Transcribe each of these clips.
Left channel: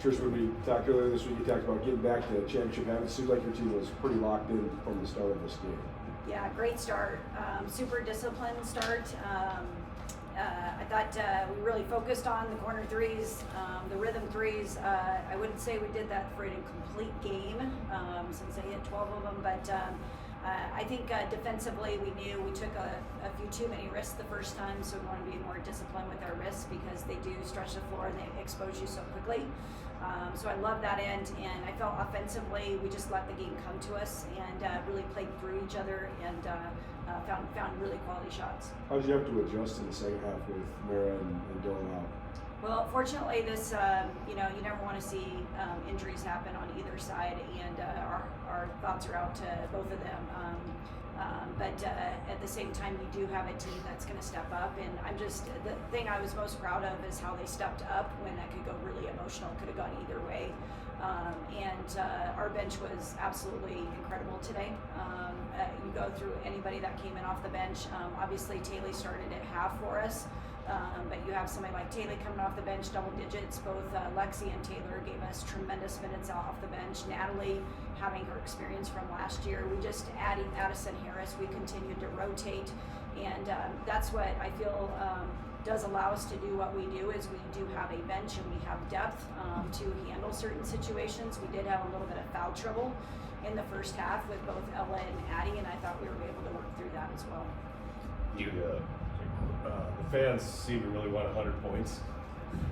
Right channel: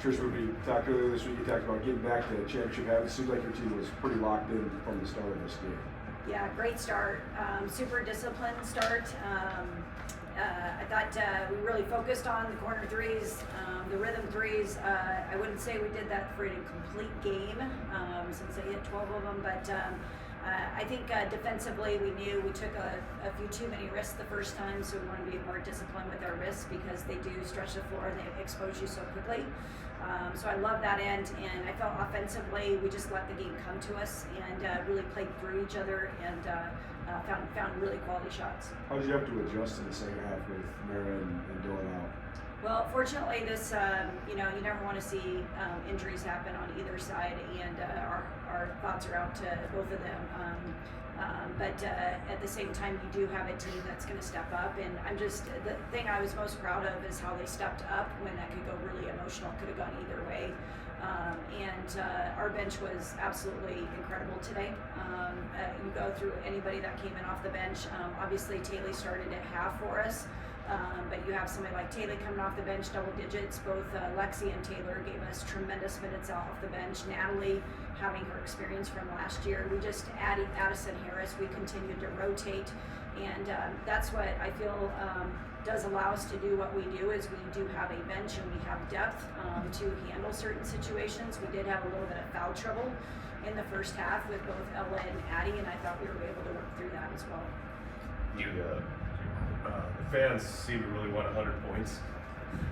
Tricia, when we talked earlier this week, you talked about getting back to the championship habit. It seems like your team was pretty locked in from the start of this game. Yeah, great start. Super disciplined start. I thought we really focused on the corner threes, the rhythm threes. I wouldn't say we did that for a complete game since I hit 12 of them, but I think defensively we knew we took a few too many risks the first time, so we wanted to be more disciplined with our risks because they do stretch the floor and they expose you so quickly. So I love that end, and I felt offensively we just let the game come to us and really played through each other and found really quality shots. How did you have to adjust in the second half with Mara and Dylan out? Well, fortunately, this you never want to see injuries happen on either side, and our thoughts are out to both of them. But at the same time, you do have a team that's going to step up, and the thing I was most proud of is how they stepped up when that could go really emotional, could have gone either way. Our bench was absolutely incredible today. You go through anybody that came in off the bench. Obviously, Taylor started at half for us. But you have somebody like Taylor coming off the bench, double digits. Both Lexi and Taylor gave us tremendous minutes off the bench. Natalie, having her experience from last year. We just added Addison Harris. We continued to rotate. And that's what I feel does allow us to do what we do, is we do have a bench and we have depth to handle certain situations. We did have a little bit of foul trouble in the first half with both Ella and Addie, and I thought we were able to work through that as well. The fans seem to really want 100 points.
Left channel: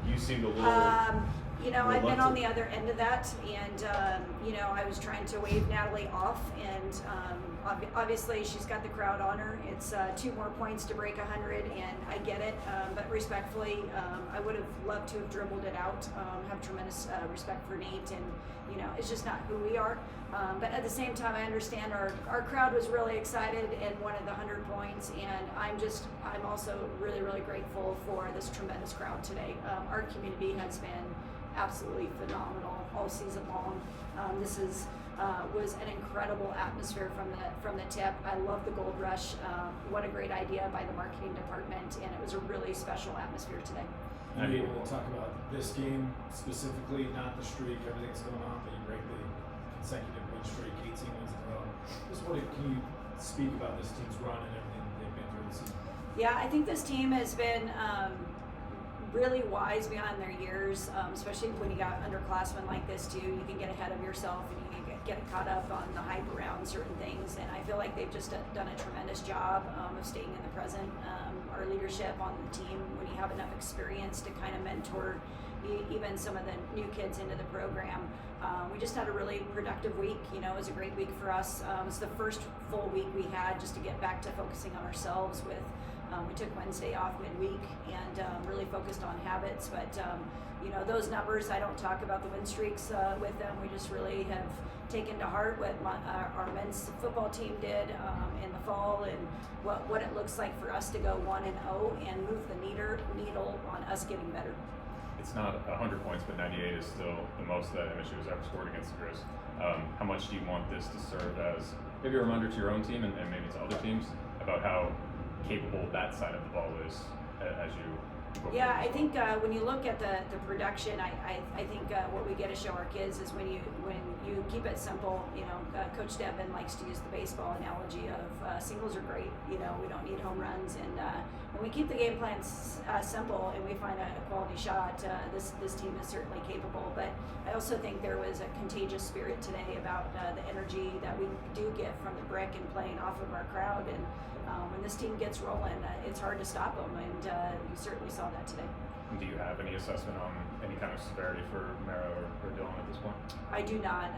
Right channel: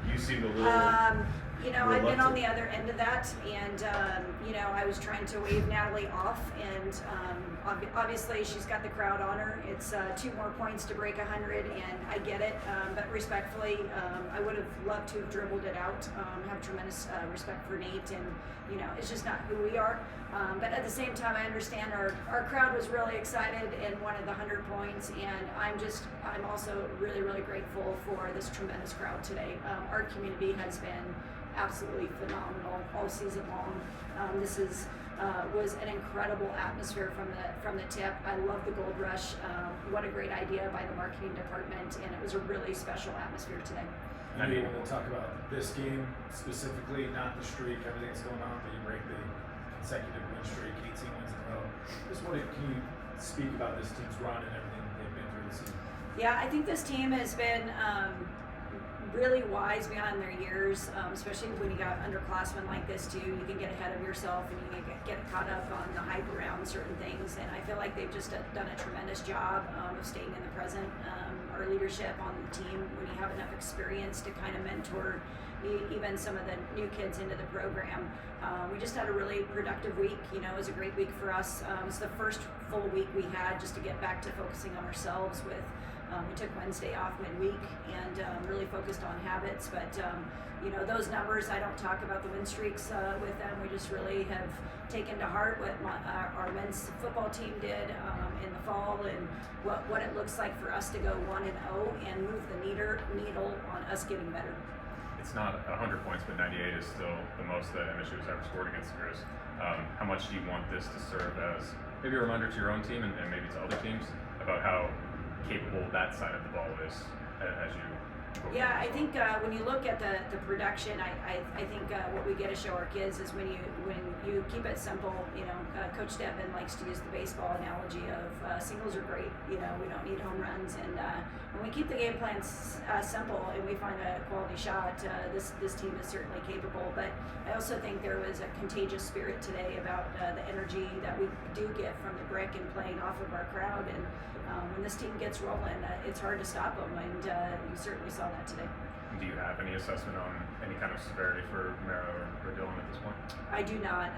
You seem to little. I've been on the other end of that, and I was trying to wave Natalie off, and obviously she's got the crowd on her. It's 2 more points to break 100, and I get it, but respectfully, I would have loved to have dribbled it out. Have tremendous respect for Nate, and it's just not who we are. But at the same time, I understand our crowd was really excited and wanted the 100 points, and I'm also really, really grateful for this tremendous crowd today. Our community has been absolutely phenomenal all season long. This was an incredible atmosphere from the tip. I love the Gold Rush. What a great idea by the marketing department, and it was a really special atmosphere today. You be able to talk about this game specifically, not the streak, everything that's going on, but you break the consecutive win streak, 18 wins in a row. Can you speak about this team's run and everything they've been through this season? Yeah, I think this team has been really wise beyond their years, especially when you got underclassmen like this too. You can get ahead of yourself and you can get caught up on the hype around certain things, and I feel like they've just done a tremendous job of staying in the present. Our leadership on the team, when you have enough experience to kind of mentor even some of the new kids into the program. We just had a really productive week. It was a great week for us. It was the first full week we had just to get back to focusing on ourselves with we took Wednesday off midweek and really focused on habits, but those numbers, I don't talk about the win streaks with them. We just really have taken to heart what our men's football team did in the fall, and what it looks like for us to go 1-0 and move the needle on us getting better. It's not 100 points, but 98 is still the most that MSU has ever scored against the Grizz. How much do you want this to serve as maybe a reminder to your own team and maybe to other teams about how capable that side of the ball is as you? Yeah, I think when you look at the production, I think what we get to show our kids is when you keep it simple. Coach Devin likes to use the baseball analogy of singles are great. We don't need home runs, and when we keep the game plan simple and we find a quality shot, this team is certainly capable. But I also think there was a contagious spirit today about the energy that we do get from the brick and playing off of our crowd. And when this team gets rolling, it's hard to stop them, and you certainly saw that today. Do you have any assessment on any kind of severity for Mara or Dylan at this point? I do not.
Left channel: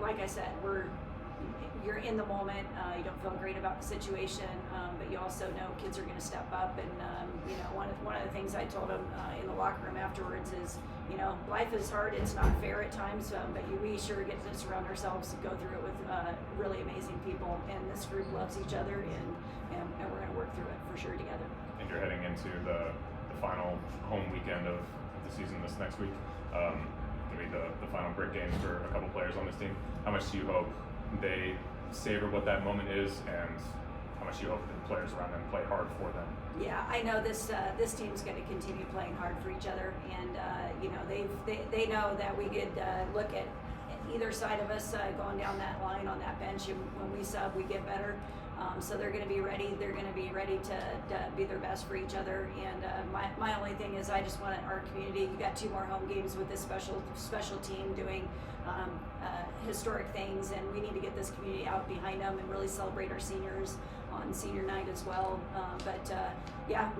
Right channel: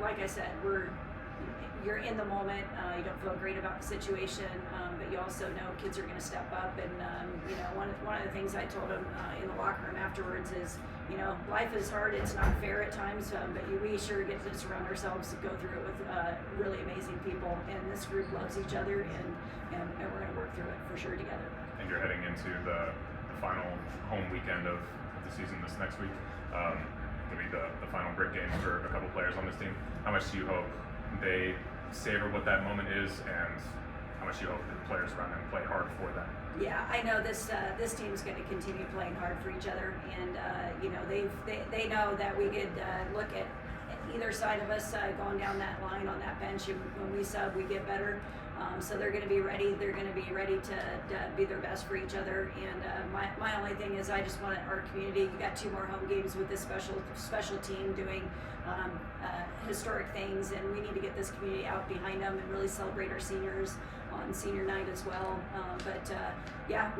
Like I said, you're in the moment. You don't feel great about the situation, but you also know kids are going to step up. And one of the things I told them in the locker room afterwards is, life is hard. It's not fair at times, but we sure get to surround ourselves to go through it with really amazing people. And this group loves each other, and we're going to work through it for sure together. And you're heading into the final home weekend of the season this next week. Going to be the final grit game for a couple players on this team. How much do you hope they savor what that moment is, and how much do you hope the players around them play hard for them? Yeah, I know this team's going to continue playing hard for each other, and you know they know that we could look at either side of us going down that line on that bench, and when we sub, we get better. So they're going to be ready. They're going to be ready to be their best for each other. And my only thing is, I just want our community. You got 2 more home games with this special team doing historic things, and we need to get this community out behind them and really celebrate our seniors on senior night as well. Yeah,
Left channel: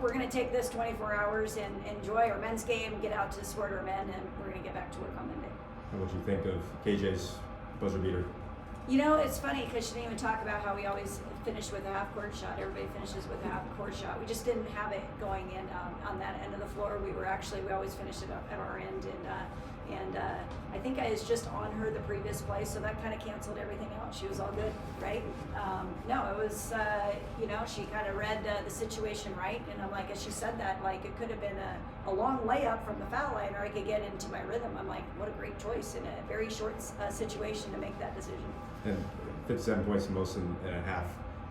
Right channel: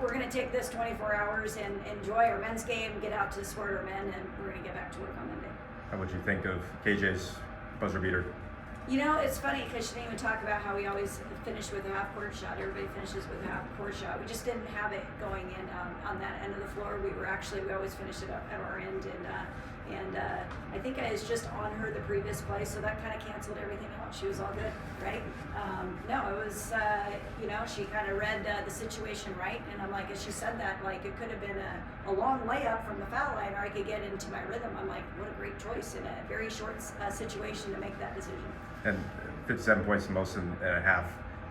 we're going to take this 24 hours and enjoy our men's game, get out to support our men, and we're going to get back to work on Monday. How would you think of KJ's buzzer beater? You know, it's funny because she didn't even talk about how we always finish with a half-court shot. Everybody finishes with a half-court shot. We just didn't have it going in on that end of the floor. We always finished it up at our end, and I think I was just on her the previous play, so that kind of canceled everything out. She was all good, right? No, it was, you know, she kind of read the situation right, and I'm like, as she said that, like, it could have been a long layup from the foul line, or I could get into my rhythm. I'm like, what a great choice in a very short situation to make that decision. And 57 points, the most in a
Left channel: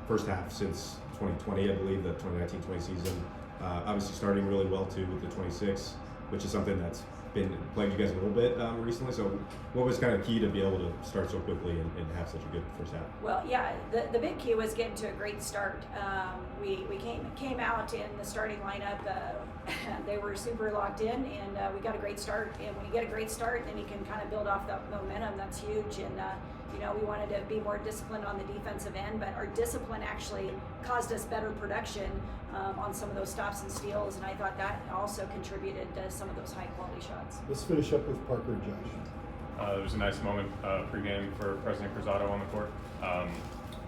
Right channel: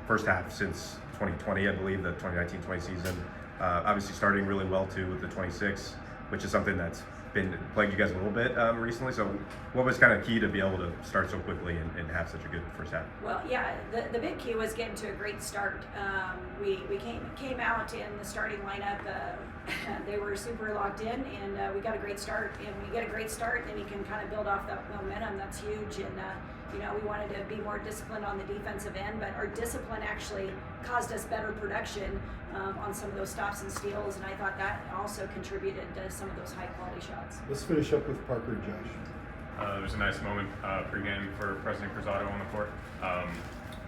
first half since 2020, I believe, the 2019-20 season. Obviously starting really well too with the 26, which is something that's been plagued you guys a little bit recently. So what was kind of key to be able to start so quickly and have such a good first half? Well, yeah, the big key was getting to a great start. We came out in the starting lineup. They were super locked in, and we got a great start. And when you get a great start, then you can kind of build off that momentum. That's huge. And you know, we wanted to be more disciplined on the defensive end, but our discipline actually caused us better production on some of those stops and steals, and I thought that also contributed to some of those high-quality shots. Let's finish up with Parker and Josh. There was a nice moment pregame for President Cruzado on the court.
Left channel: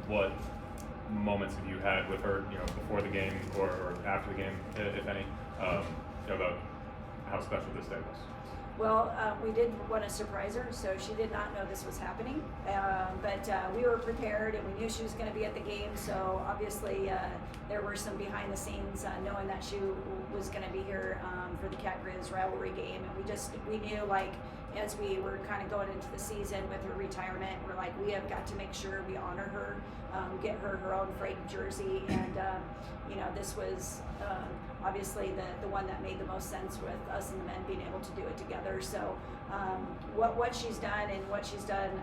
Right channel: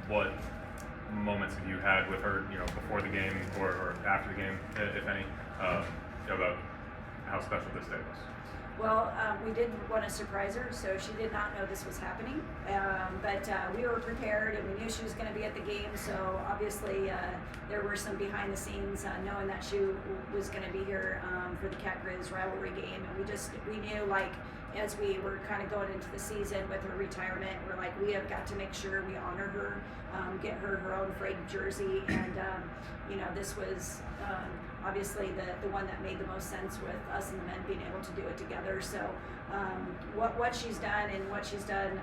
What moments have you had with her, you know, before the game or after the game, if any, about how special this day was? Well, we did want to surprise her, so she did not know this was happening. But we were prepared, and we knew she was going to be at the game. So obviously, there were some behind the scenes, knowing that she was going to be here for the Cat Grizz rivalry game, and we knew, like, as we were kind of going into the season with her retirement, we're like, we have got to make sure we honor her, get her own framed jersey, and you know, this was obviously the one that made the most sense with us and the men being able to do it together. So what she's done and what she's done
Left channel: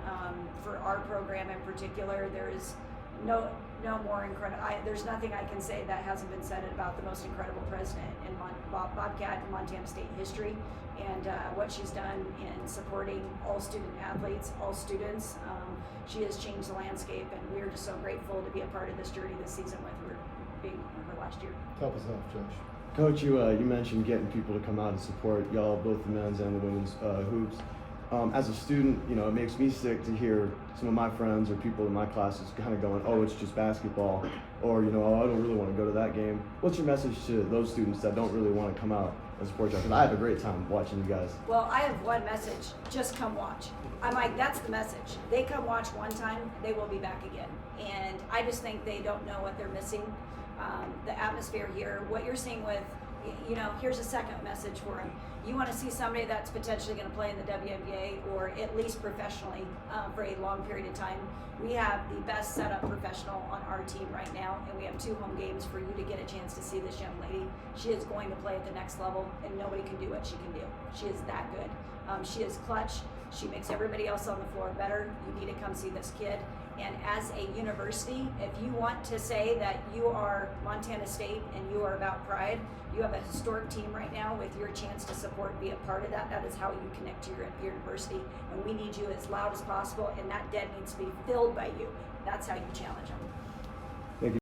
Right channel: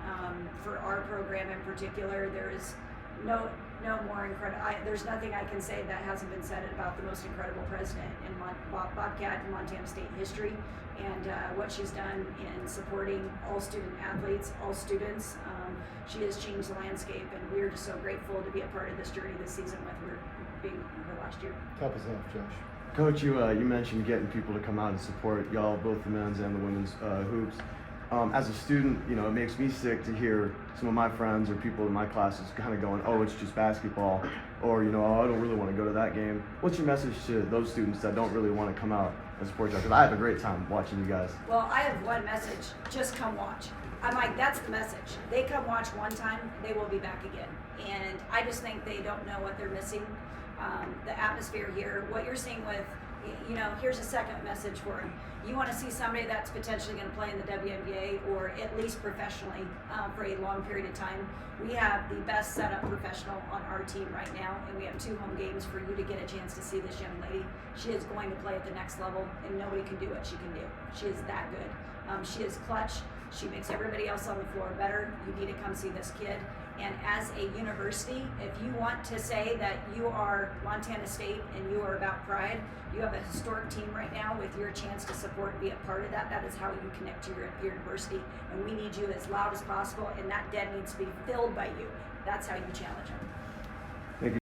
for our program in particular, there is no more incredible. There's nothing I can say that hasn't been said about the most incredible president in Bobcat and Montana State history, and what she's done in supporting all student athletes, all students. She has changed the landscape, and we're just so grateful to be a part of this journey this season with her being her last year. Top us off, Josh. Coach, you mentioned getting people to come out and support y'all, both the men's and the women's hoops. As a student, you know, it makes me sick to hear some of my friends or people in my classes kind of going, oh, it's just basketball, or, you know, oh, I don't really want to go to that game. What's your message to those students that don't really want to come out and support you? Because I have a great time watching you guys. Well, I have one message: just come watch. I'm like, that's the message. They come watch one time, they will be back again. And I just think they don't know what they're missing. The atmosphere here, what you're seeing with, you know, here's a second message for them. You want to see somebody that's potentially going to play in the WNBA or at least professionally for a long period of time. We have the best setup professional on our team right now, and we have 2 home games for you to get a chance to see this young lady. She is going to play at the next level, and nobody can do what she can do. She is that good. She is clutch. She makes everybody else on the floor better. You need to come see this kid. And as a university, if you want to say that you are Montana State and you are about pride, you have a historic team right now with your chance to support and be a part of that. That is how you connect to your university. And we need you as loud as possible, and that den needs to be filled by you. That's how you challenge them.